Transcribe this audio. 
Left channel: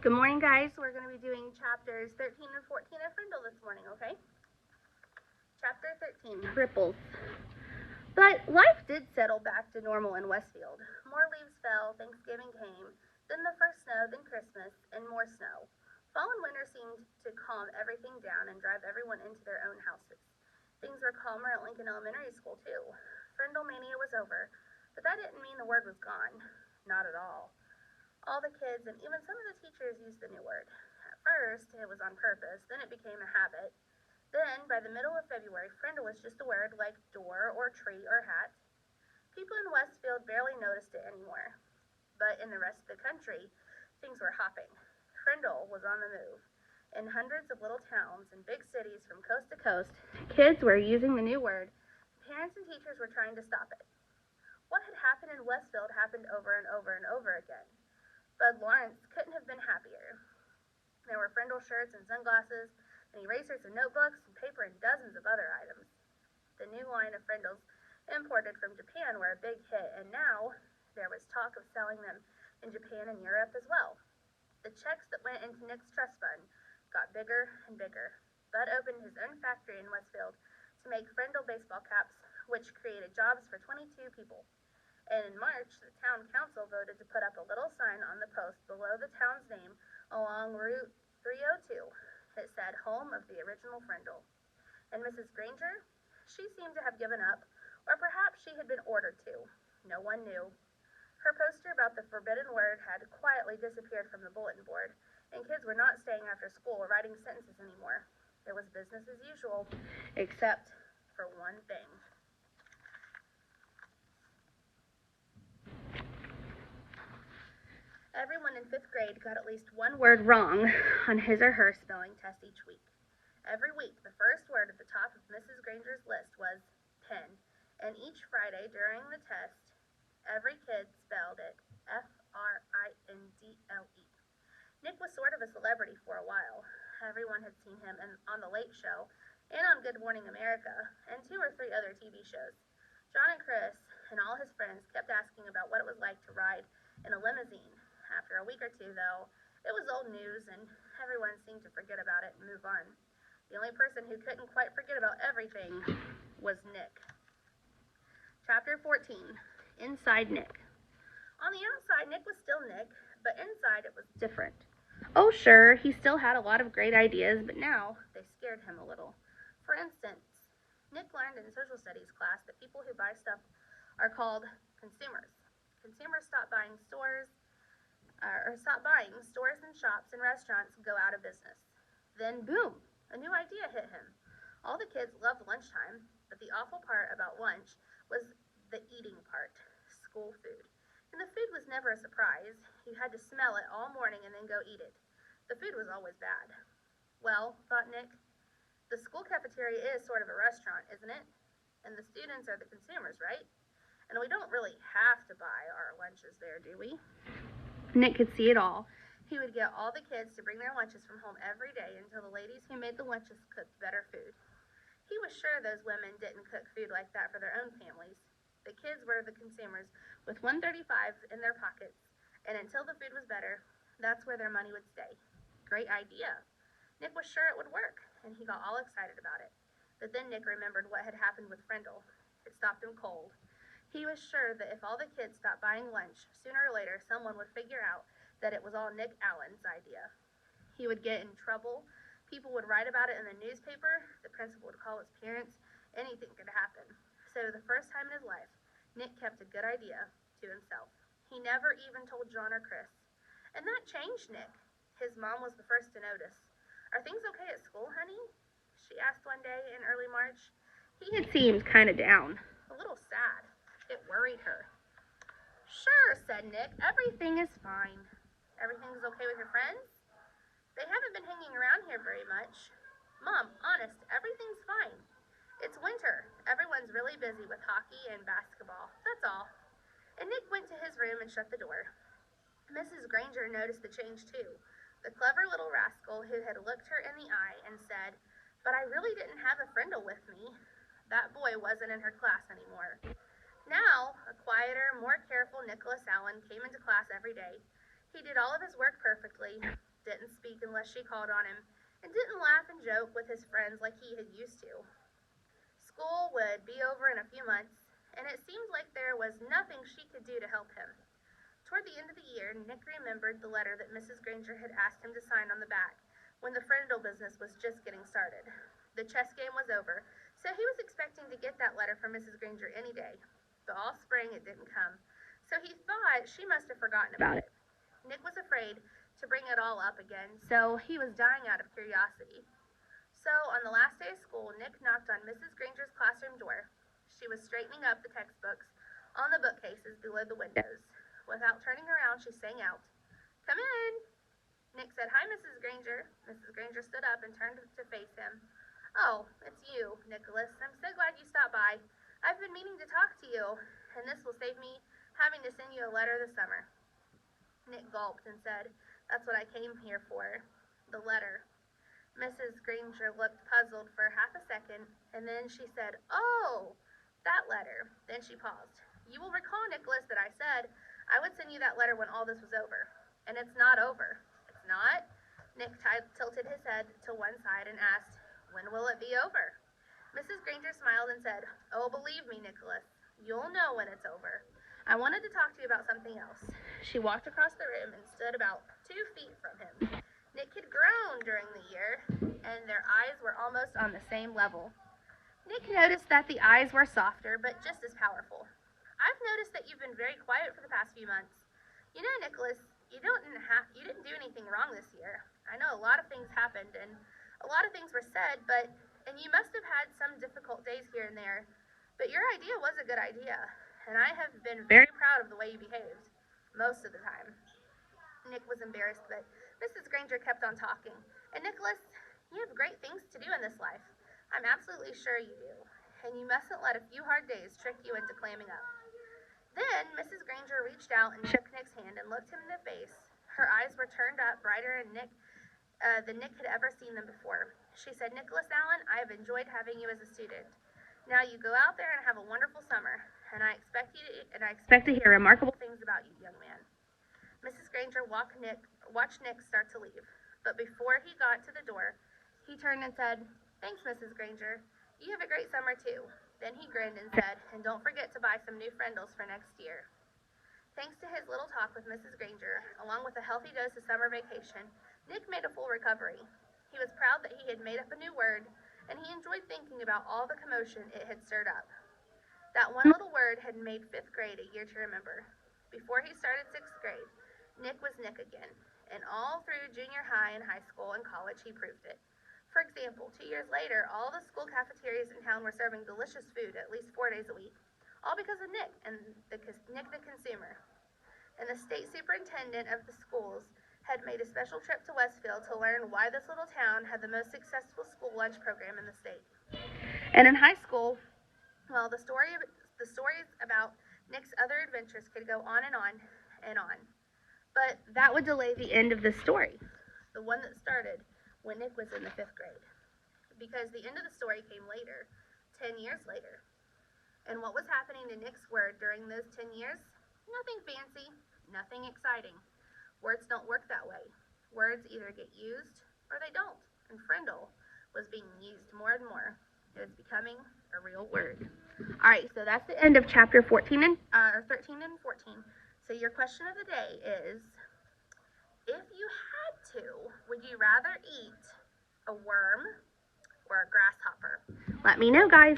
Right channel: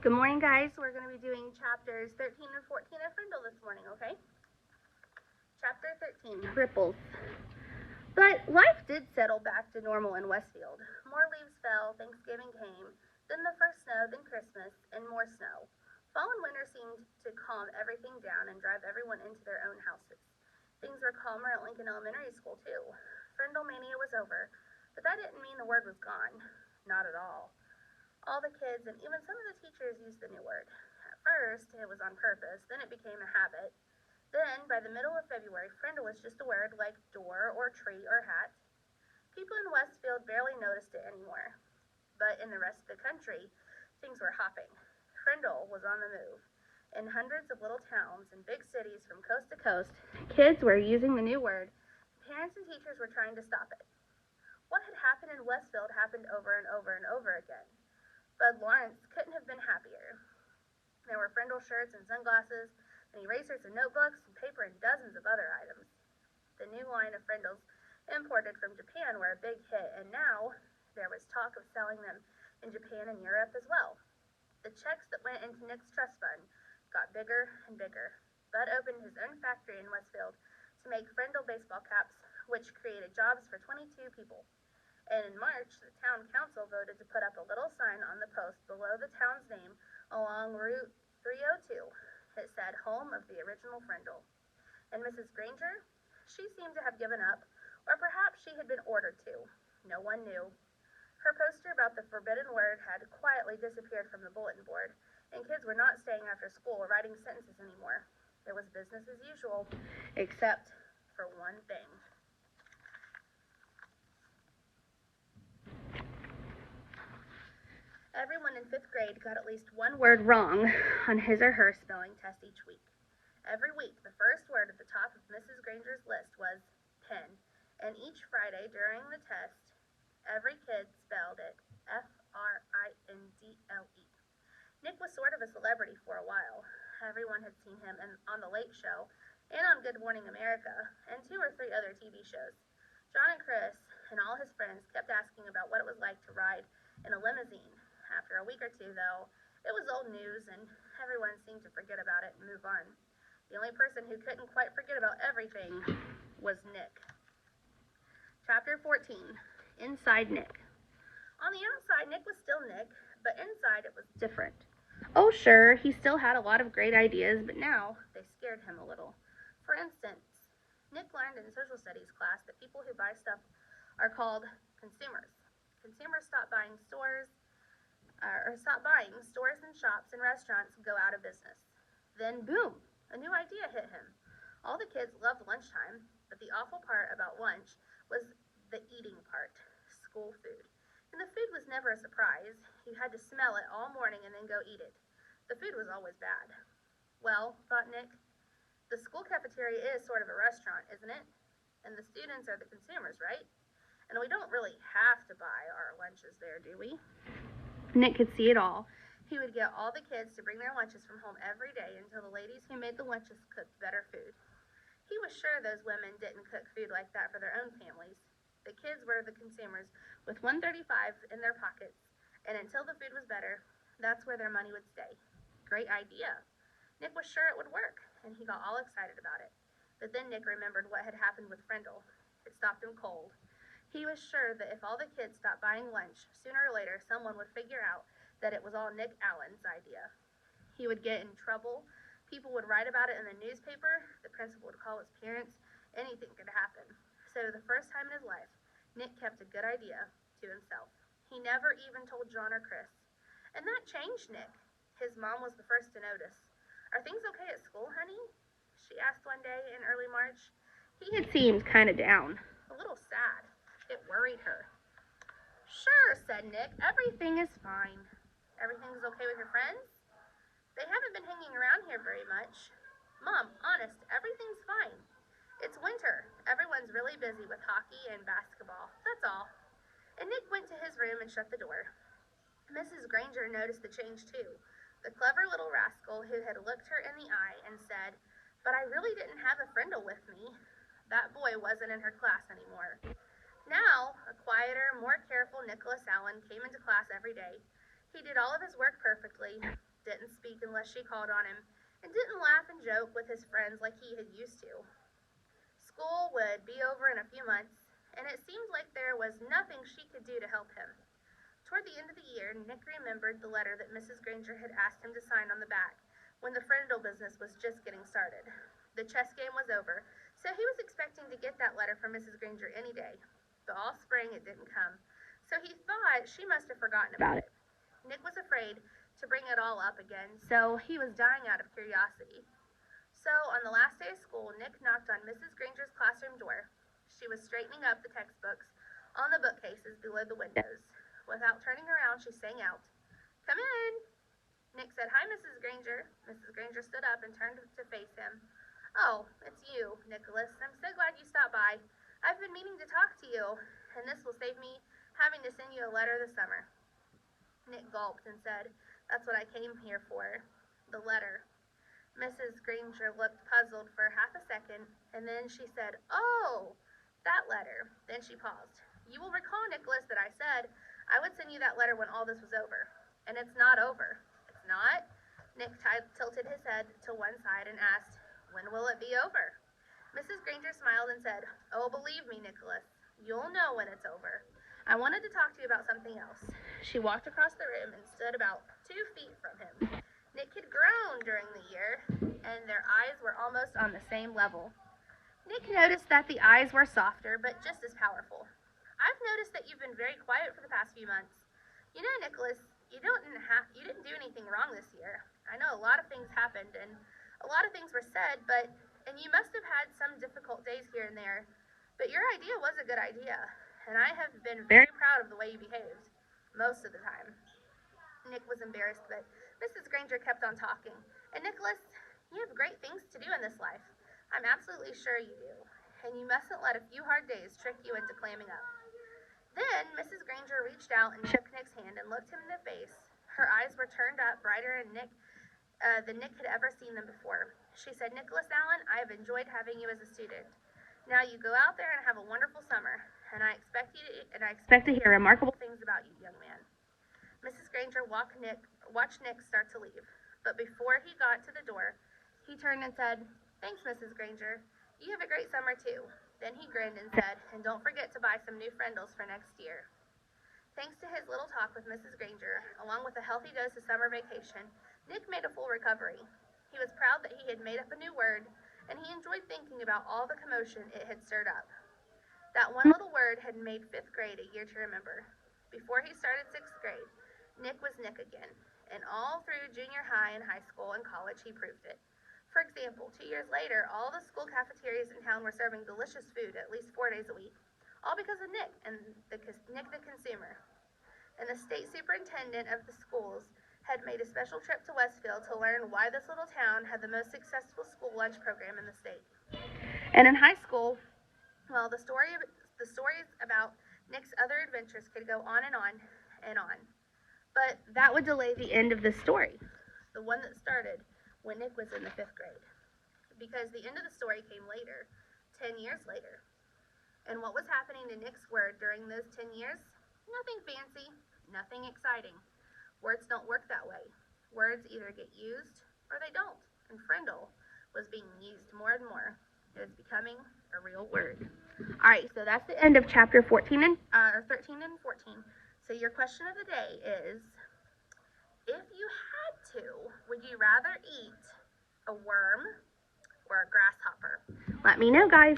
Good morning, guys. We're going to be doing chapters 13 and 14 of Frindle this morning, okay? Chapter 13, Ripples. But life did settle back to normal in Westfield. More leaves fell, Thanksgiving came, then the first snow, then Christmas, and more snow. Fall and winter seemed to calm everything down and drive everyone into their own houses. Things were calmer at Lincoln Elementary School, too. Frindle mania was over, but that didn't mean the word was gone. Not at all. All the kids and even some of the teachers used the new word. At first, it was on purpose, then it became a habit. Then, by the middle of February, Frindle was just a word like door or tree or hat. People in Westfield barely noticed it anymore. But in the rest of the country, things were hopping. Frindle was on the move. In hundreds of little towns and big cities from coast to coast, kids were using the new word. Parents and teachers were trying to stop it. What had happened in Westfield happened over and over and over again. Bud Lawrence couldn't have been happier. There were Frindle shirts and sunglasses, and erasers and notebooks, and paper and dozens of other items. The new line of Frindles, imported from Japan, were a big hit, and now there was talk of selling them in Japan and Europe as well. The checks that went into Nick's trust fund got bigger and bigger. Bud opened his own factory in Westfield to make Frindle baseball caps, which created jobs for 22 people. And in March, the town council voted to put up a little sign on the post below the town's name along Route 302. It said, "Home of the original Frindle." And Mrs. Granger? She seemed to have given up, or perhaps she had been ordered to. No one knew. Her poster about the forbidden word had quietly disappeared from the bulletin board, and kids were not staying after school or writing sentences anymore. It was business as usual, except for one thing. Everyone in 5th grade got at least one word wrong on his or her spelling test each week. Every week, the first word at the top of Mrs. Granger's list was pen, and each Friday during the test, every kid spelled it Frindle. Nick was sort of a celebrity for a while. Everyone had seen him on The Late Show and on Good Morning America and 2 or 3 other TV shows. John and Chris and all his friends kept asking about what it was like to ride in a limousine. After a week or 2, though, it was old news, and everyone seemed to forget about it and move on. The only person who couldn't quite forget about everything was Nick. Chapter 14, Inside Nick. On the outside, Nick was still Nick, but inside it was different. Oh, sure, he still had a lot of great ideas, but now they scared him a little. For instance, Nick learned in social studies class that people who buy stuff are called consumers. Consumers stop buying stores and shops and restaurants go out of business. Then, boom, a new idea hit him. All the kids loved lunchtime, but the awful part about lunch was the eating part, school food. And the food was never a surprise. You had to smell it all morning and then go eat it. The food was always bad. Well, thought Nick, the school cafeteria is sort of a restaurant, isn't it? And the students are the consumers, right? And we don't really have to buy our lunches there, do we? Nick could see it all. He would get all the kids to bring their lunches from home every day until the ladies who made the lunches cooked better food. He was sure those women didn't cook food like that for their own families. The kids were the consumers with $1.35 in their pockets, and until the food was better, that's where their money would stay. Great idea. Nick was sure it would work, and he got all excited about it. But then Nick remembered what had happened with Frindle. It stopped him cold. He was sure that if all the kids stopped buying lunch, sooner or later someone would figure out that it was all Nick Allen's idea. He would get in trouble. People would write about it in the newspaper. The principal would call his parents. Anything could happen. So the first time in his life, Nick kept a good idea to himself. He never even told John or Chris. And that changed Nick. His mom was the first to notice. "Are things okay at school, honey?" she asked one day in early March. He had seemed kind of down, a little sad. It worried her. "Sure," said Nick. "Everything is fine." "Everything's okay with your friends?" "They haven't been hanging around here very much." "Mom, honest, everything's fine. It's winter. Everyone's really busy with hockey and basketball. That's all." And Nick went to his room and shut the door. Mrs. Granger noticed the change too. The clever little rascal who had looked her in the eye and said, "But I really didn't have a Frindle with me." That boy wasn't in her class anymore. Now, a quieter, more careful Nicholas Allen came into class every day. He did all of his work perfectly. didn't speak unless she called on him, and didn't laugh and joke with his friends like he had used to. School would be over in a few months, and it seemed like there was nothing she could do to help him. Toward the end of the year, Nick remembered the letter that Mrs. Granger had asked him to sign on the back when the Friendle business was just getting started. The chess game was over, so he was expecting to get that letter from Mrs. Granger any day. But all spring it didn't come, so he thought she must have forgotten about it. Nick was afraid to bring it all up again, so he was dying out of curiosity. So on the last day of school, Nick knocked on Mrs. Granger's classroom door. She was straightening up the textbooks on the bookcases below the windows. Without turning around, she sang out, "Come in." Nick said, "Hi, Mrs. Granger." Mrs. Granger stood up and turned to face him. "Oh, it's you, Nicholas. I'm so glad you stopped by. I've been meaning to talk to you, and this will save me having to send you a letter this summer." Nick gulped and said, "That's what I came here for, the letter." Mrs. Granger looked puzzled for half a second, and then she said, "Oh, that letter." Then she paused. "You will recall, Nicholas, that I said I would send you that letter when all this was over. And it's not over." "It's not?" Nick tilted his head to one side and asked, "When will it be over?" Mrs. Granger smiled and said, "Oh, believe me, Nicholas, you'll know when it's over. I wanted to talk to you about something else." She walked across the room and stood about 2 feet from him. Nick had grown during the year, and their eyes were almost on the same level. Nick noticed that the eyes were softer, but just as powerful. "I've noticed that you've been very quiet for the past few months. You know, Nicholas, you didn't do anything wrong this year. I know a lot of things happened, and a lot of things were said, and you must have had some difficult days here and there, but your idea was a good idea, and I have been very proud of the way you behaved, most of the time." Nick was embarrassed, but Mrs. Granger kept on talking. "And Nicholas, you have great things to do in this life. I'm absolutely sure you do, and you mustn't let a few hard days trick you into clamming up." Then Mrs. Granger reached out and shook Nick's hand and looked him in the face. Her eyes were turned up brighter than Nick had ever seen them before. She said, "Nicholas Allen, I have enjoyed having you as a student. Now you go out there and have a wonderful summer, and I expect to hear remarkable things about you, young man." Mrs. Granger watched Nick start to leave, but before he got to the door, he turned and said, "Thanks, Mrs. Granger. You have a great summer, too." Then he grinned and said, "And don't forget to buy some new Friendles for next year." Thanks to his little talk with Mrs. Granger, along with a healthy dose of summer vacation, Nick made a full recovery. He was proud that he had made up a new word, and he enjoyed thinking about all the commotion it had stirred up. That one little word had made 5th grade a year to remember. Before he started 6th grade, Nick was Nick again, and all through junior high and high school and college he proved it. For example, 2 years later, all the school cafeterias in town were serving delicious food at least 4 days a week, all because of Nick and Nick the consumer. And the state superintendent of the schools had made a special trip to Westfield to learn why this little town had the most successful school lunch program in the state. And in high school, well, the stories about Nick's other adventures could go on and on and on. But that would delay the end of this story, the one that started when Nick was in the 5th grade. Because the end of the story came later, 10 years later. And what was happening to Nick's word during those 10 years? Nothing fancy, nothing exciting. Words don't work that way. Words either get used or they don't. And Friendle was being used more and more. It was becoming a real word. All right, so that's the end of chapter 13 and 14. So your question of the day is, if you had to, would you rather eat a worm or a grasshopper? Let me know, guys.